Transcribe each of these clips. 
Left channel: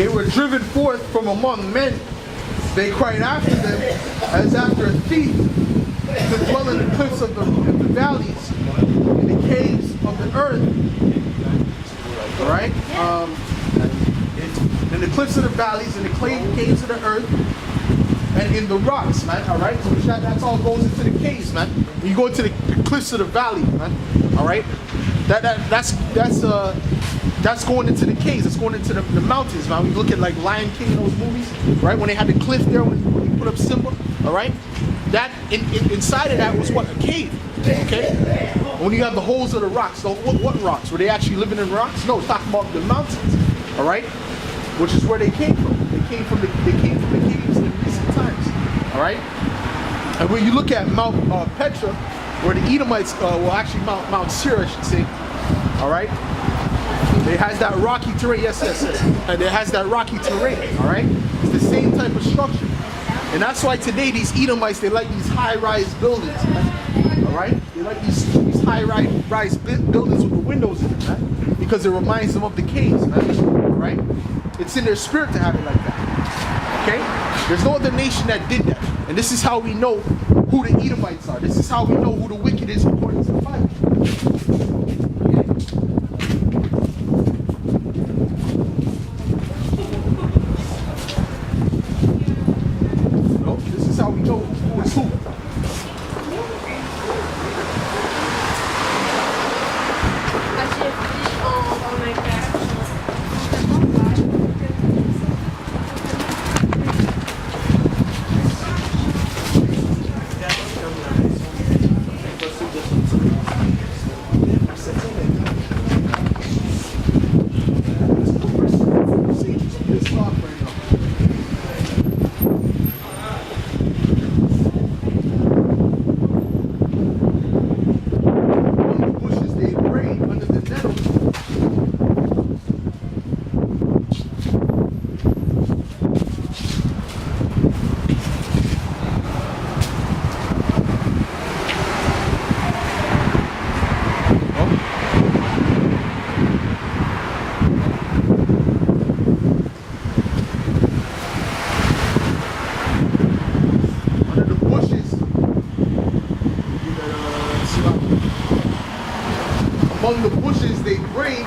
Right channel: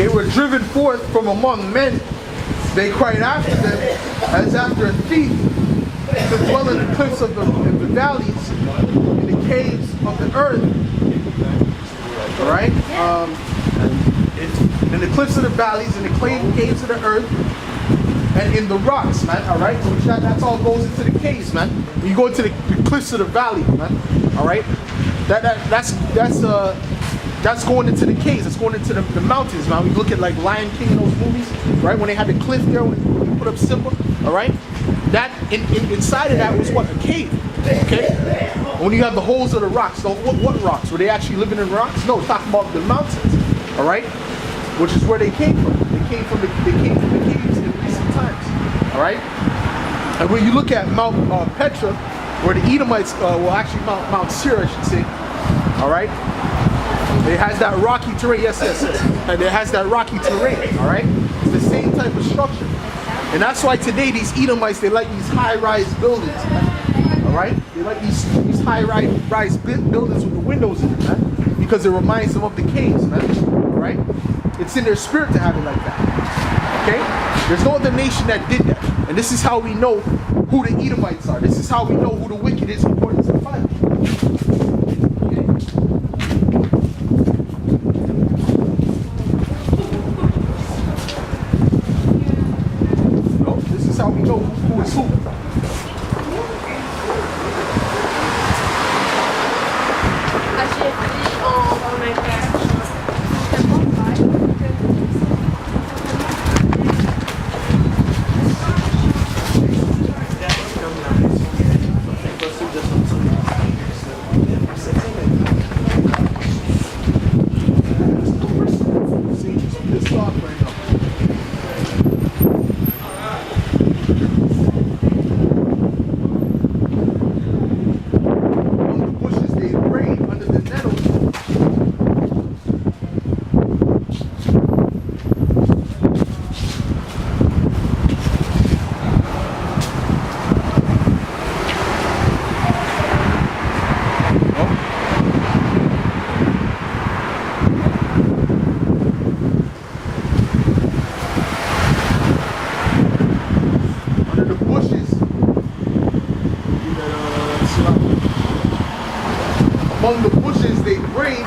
they were driven forth from among men. They cried after them as after a thief, to dwell in the cliffs of the valleys, in the caves of the earth. All right? In the cliffs of the valleys, in the caves of the earth, and in the rocks, man. All right? So that's all goes into the caves, man. When you go into the cliffs of the valley, man. All right? That's going into the caves. That's going into the mountains, man. We look at like Lion King in those movies, right? When they had the cliff there, when he put up Simba, all right? That inside of that was what? A cave, okay? When you have the holes of the rocks, so what rocks? Were they actually living in rocks? No, it's talking about the mountains, all right? Which is where they came from. They came from the caves in recent times, all right? And when you look at Mount Petra, where the Edomites, actually Mount Seir, I should say, all right? It has that rocky terrain, yes. And it has that rocky terrain, all right? It's the same type of structure. And that's why today these Edomites, they like these high-rise buildings, man. All right? They like these high-rise buildings with the windows in them, man. Because it reminds them of the caves, man. All right? It's in their spirit to have it like that. Okay? There's no other nation that did that. And this is how we know who the Edomites are. This is how we know who the wicked is according to the Bible. Okay? No, this is how we know who is who. Among the bushes they brayed,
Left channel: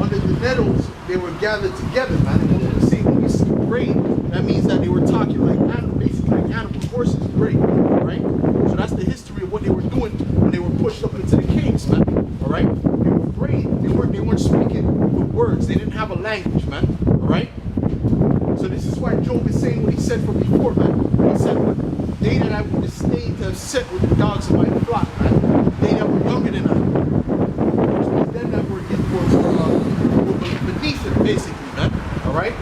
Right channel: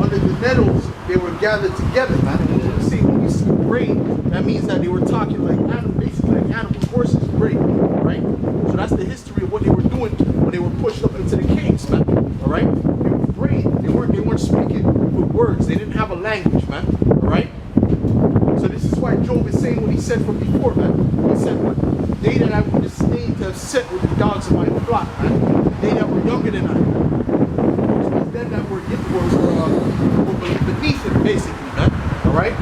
under the nettles they were gathered together, man. And when we see brayed, that means that they were talking like animals, basically like animals. Horses bray, right? So that's the history of what they were doing when they were pushed up into the caves, man. All right? They were braying. They weren't speaking with words. They didn't have a language, man. All right? So this is why Job is saying what he said from before, man. He said what? They that I would disdain to have set with the dogs of my flock, man. They that were younger than I. Them that were beneath it, basically, man. All right.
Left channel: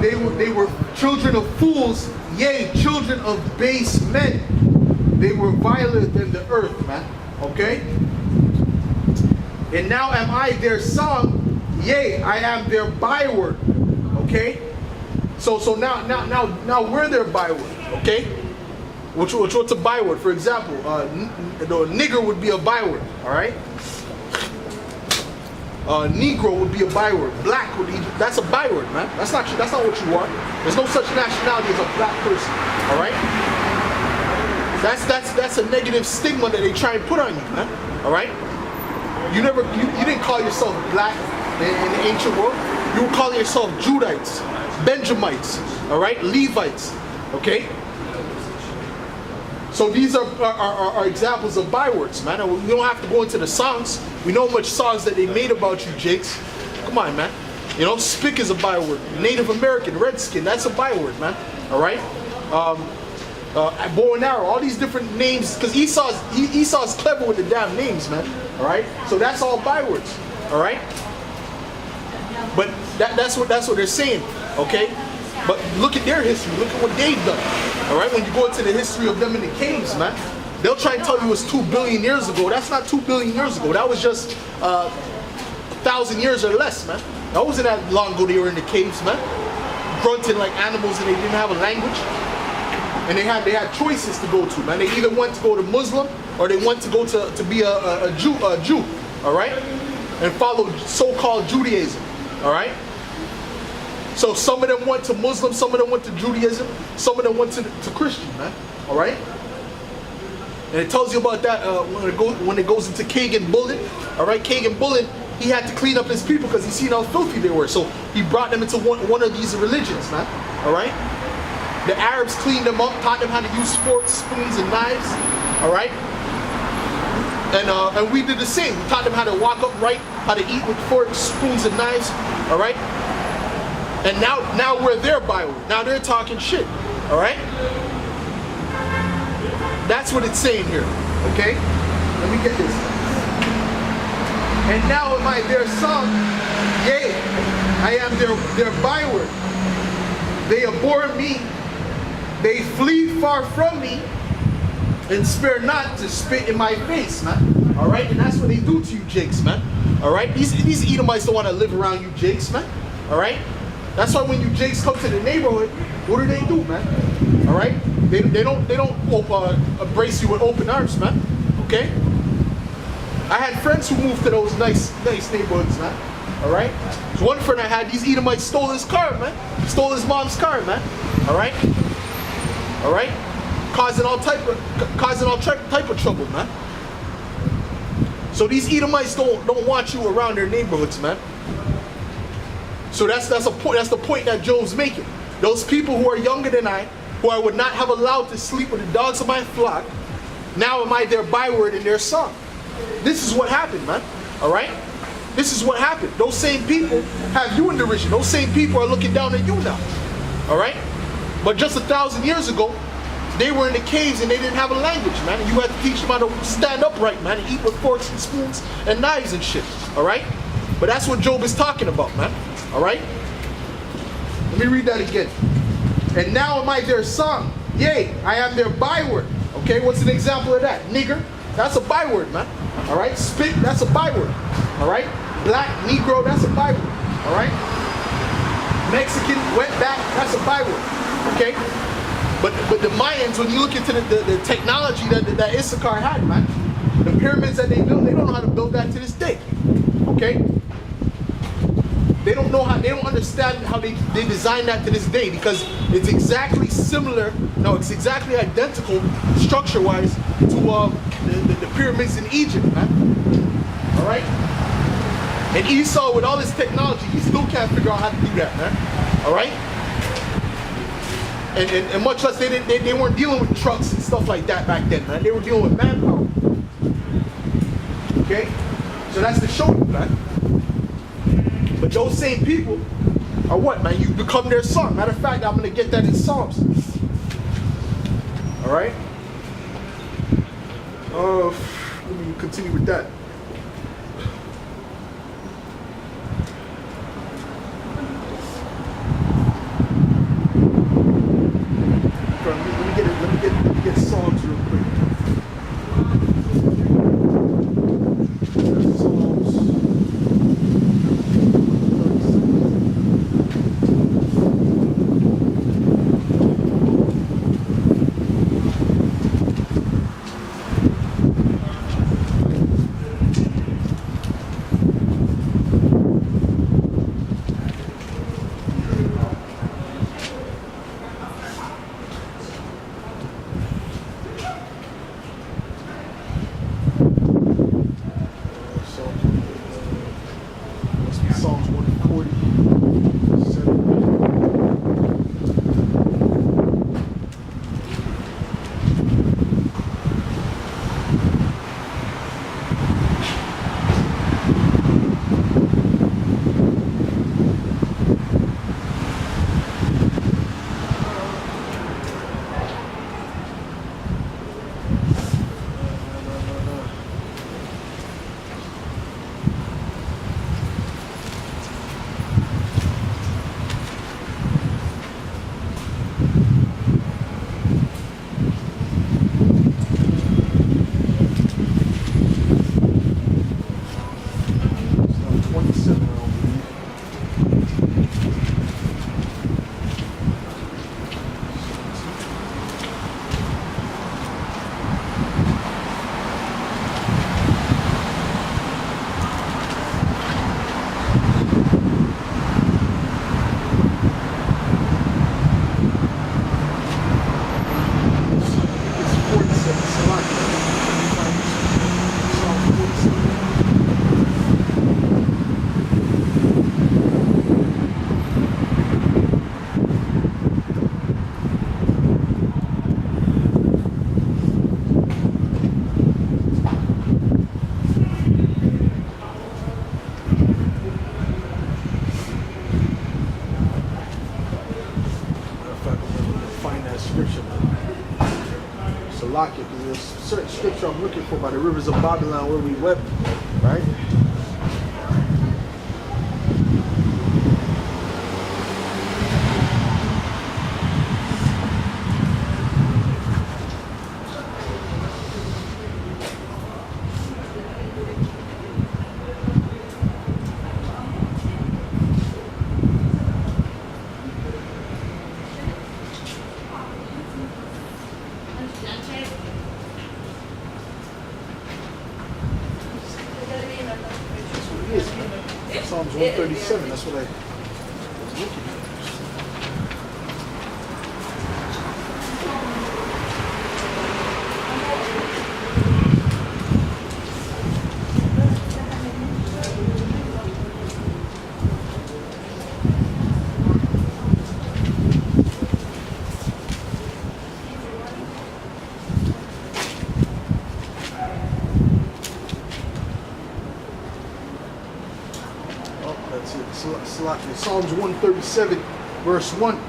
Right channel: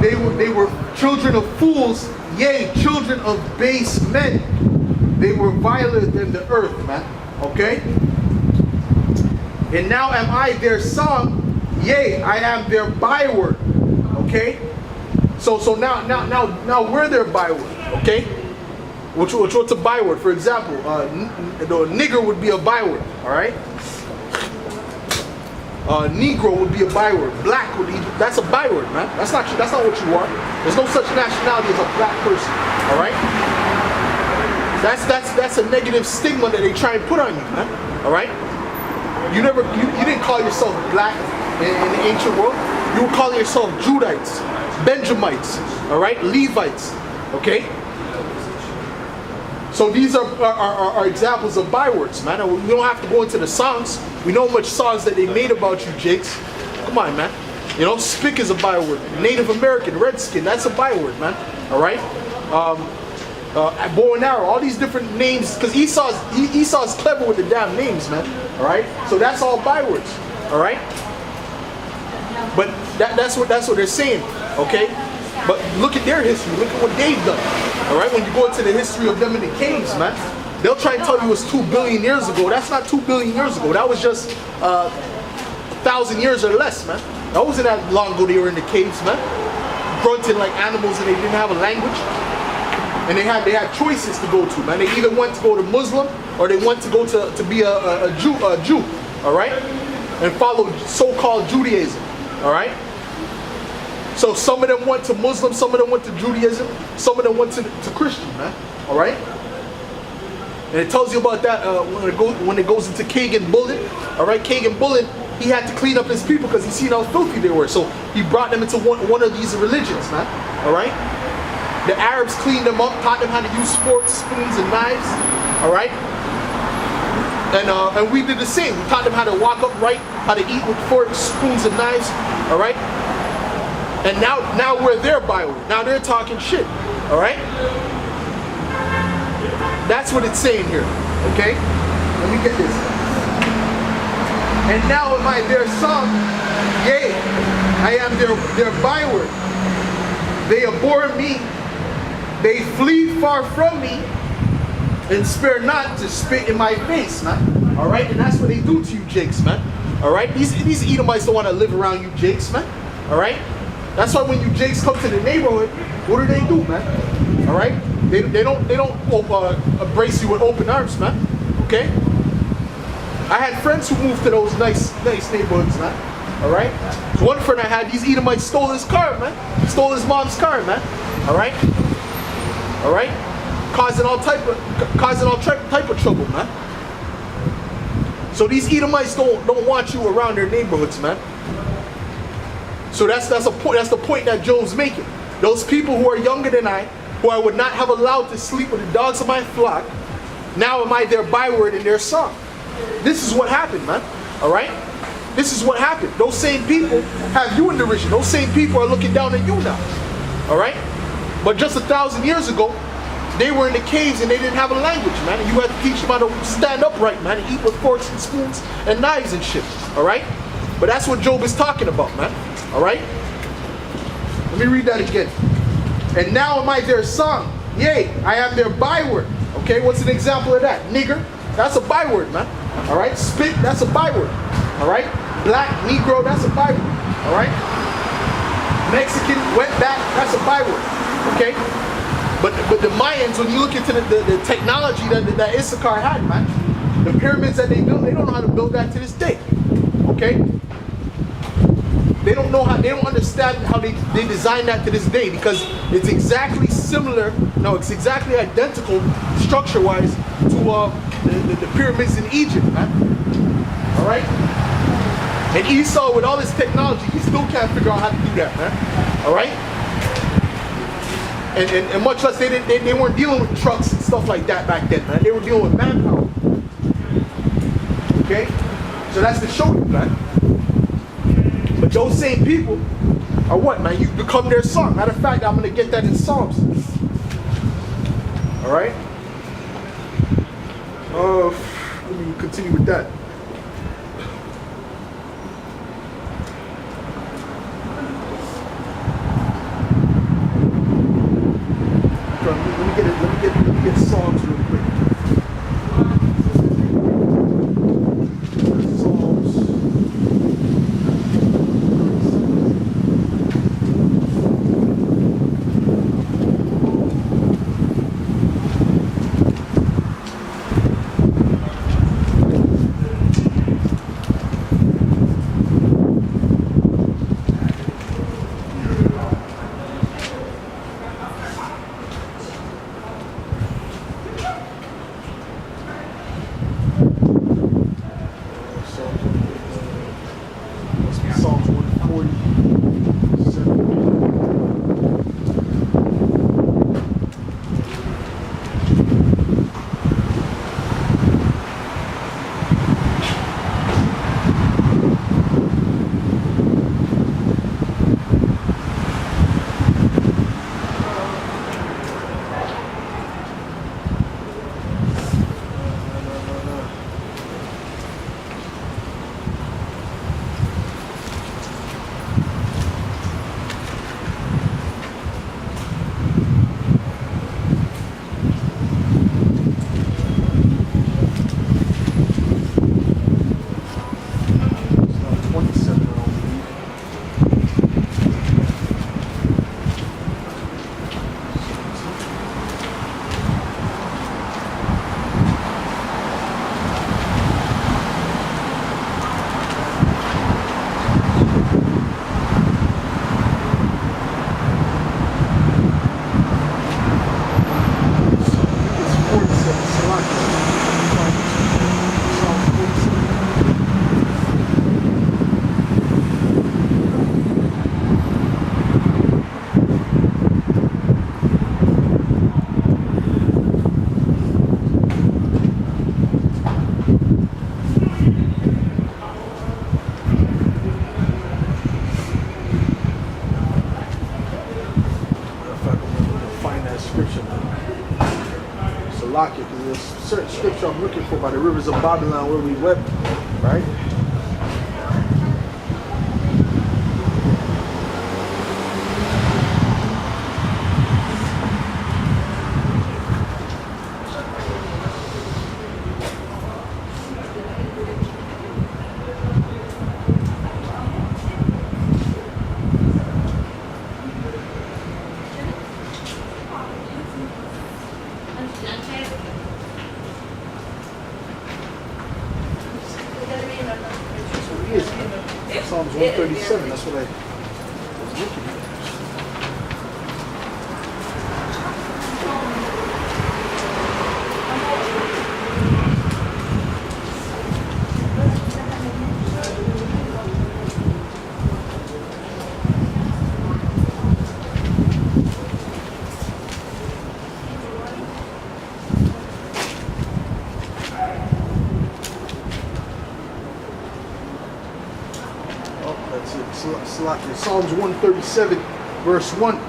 They were children of fools, yea, children of base men. They were viler than the earth, man. Okay. And now am I their song, yea, I am their byword. Okay. So now we're their byword. Okay. What's a byword? For example, nigger would be a byword, all right? Negro would be a byword. Black would be, that's a byword, man. That's not what you are. There's no such nationality as a black person, all right? That's a negative stigma that they try and put on you, man, all right? You didn't call yourself black in the ancient world. You were calling yourself Judites, Benjamites, all right? Levites, okay? So these are examples of bywords, man. And we don't have to go into the songs. We know much songs that they made about you, Jakes. Come on, man. You know, spick is a byword. Native American, redskin, that's a byword, man. All right? Bow and arrow, all these different names, because Esau's clever with the damn names, man. All right? So that's all bywords. All right? But that's what they're saying, okay? But look at their history. Look at what they've done. All right, when you go into the history of them in the caves, man, they'll try and tell you it's 2 billion years ago. That's not 2 billion years ago. That was just 1,000 years or less, man. That wasn't that long ago they were in the caves, man. Grunting like animals and they didn't have a language. And they had choices to go to, man. They either went to go to Muslim or they went to go to be a Jew. All right. and followed so-called Judaism. All right. So some of them went to Muslim, some of them went to Judaism, some of them went to Christian, man. All right. And it tells you about that when it goes into Kagan Bullen. All right, Kagan Bullen, he had to clean up his people because he seen how filthy they were. So he brought them into one of these religions, man. All right. The Arabs cleaned them up, taught them how to use forks, spoons, and knives. All right. And we did the same. We taught them how to walk upright, how to eat with forks, spoons, and knives. All right. And now we're their byword. Now they're talking shit. All right. That's what it's saying here. Okay. Let me get this. And now am I their son? Yea, I am their byword. They abhor me. They flee far from me, and spare not to spit in my face, man. All right, and that's what they do to you, Jakes, man. All right, these Edomites don't want to live around you, Jakes, man. All right, that's why when you Jakes come to the neighborhood, what do, man? All right, they don't embrace you with open arms, man. Okay. I had friends who moved to those nice neighborhoods, man. All right. So one friend I had, these Edomites stole his car, man. Stole his mom's car, man. All right. All right, causing all type of trouble, man. So these Edomites don't want you around their neighborhoods, man. So that's the point that Job's making. Those people who are younger than I, who I would not have allowed to sleep with the dogs of my flock, now am I their byword and their song. This is what happened, man. All right, this is what happened. Those same people have you in derision. Those same people are looking down at you now. All right. But just 1,000 years ago, they were in the caves and they didn't have a language, man. And you had to teach them how to stand upright, man, and eat with forks and spoons and knives and shit. All right? But that's what Job is talking about, man. All right? Let me read that again. And now am I their son? Yea, I am their byword. Okay, what's an example of that? Nigger, that's a byword, man. All right? Spit, that's a byword. All right? Black, Negro, that's a byword. All right? Mexican, wetback, that's a byword. Okay, but the Mayans, when you look into the technology that Issachar had, man, the pyramids that they built, they don't know how to build that to this day. Okay, they don't know how, they don't understand how they designed that to this day, because it's exactly similar. No, it's exactly identical structure-wise to the pyramids in Egypt, man. All right, and Esau, with all this technology, he still can't figure out how to do that, man. All right. And much less they weren't dealing with trucks and stuff like that back then, man. They were dealing with manpower. Okay? So that's to show you, man. But those same people are what, man? You become their son. Matter of fact, I'm going to get that in Psalms. All right? Let me continue with that. Let me get Psalms real quick. Psalms 137. scripture, man. Salakia, because there's a certain scripture I'm looking for by the rivers of Babylon where we wept, right? That's what it is, man. Psalms 137, that's what I was looking at. Oh, that's it. Salakia. Psalms 137, verse 1.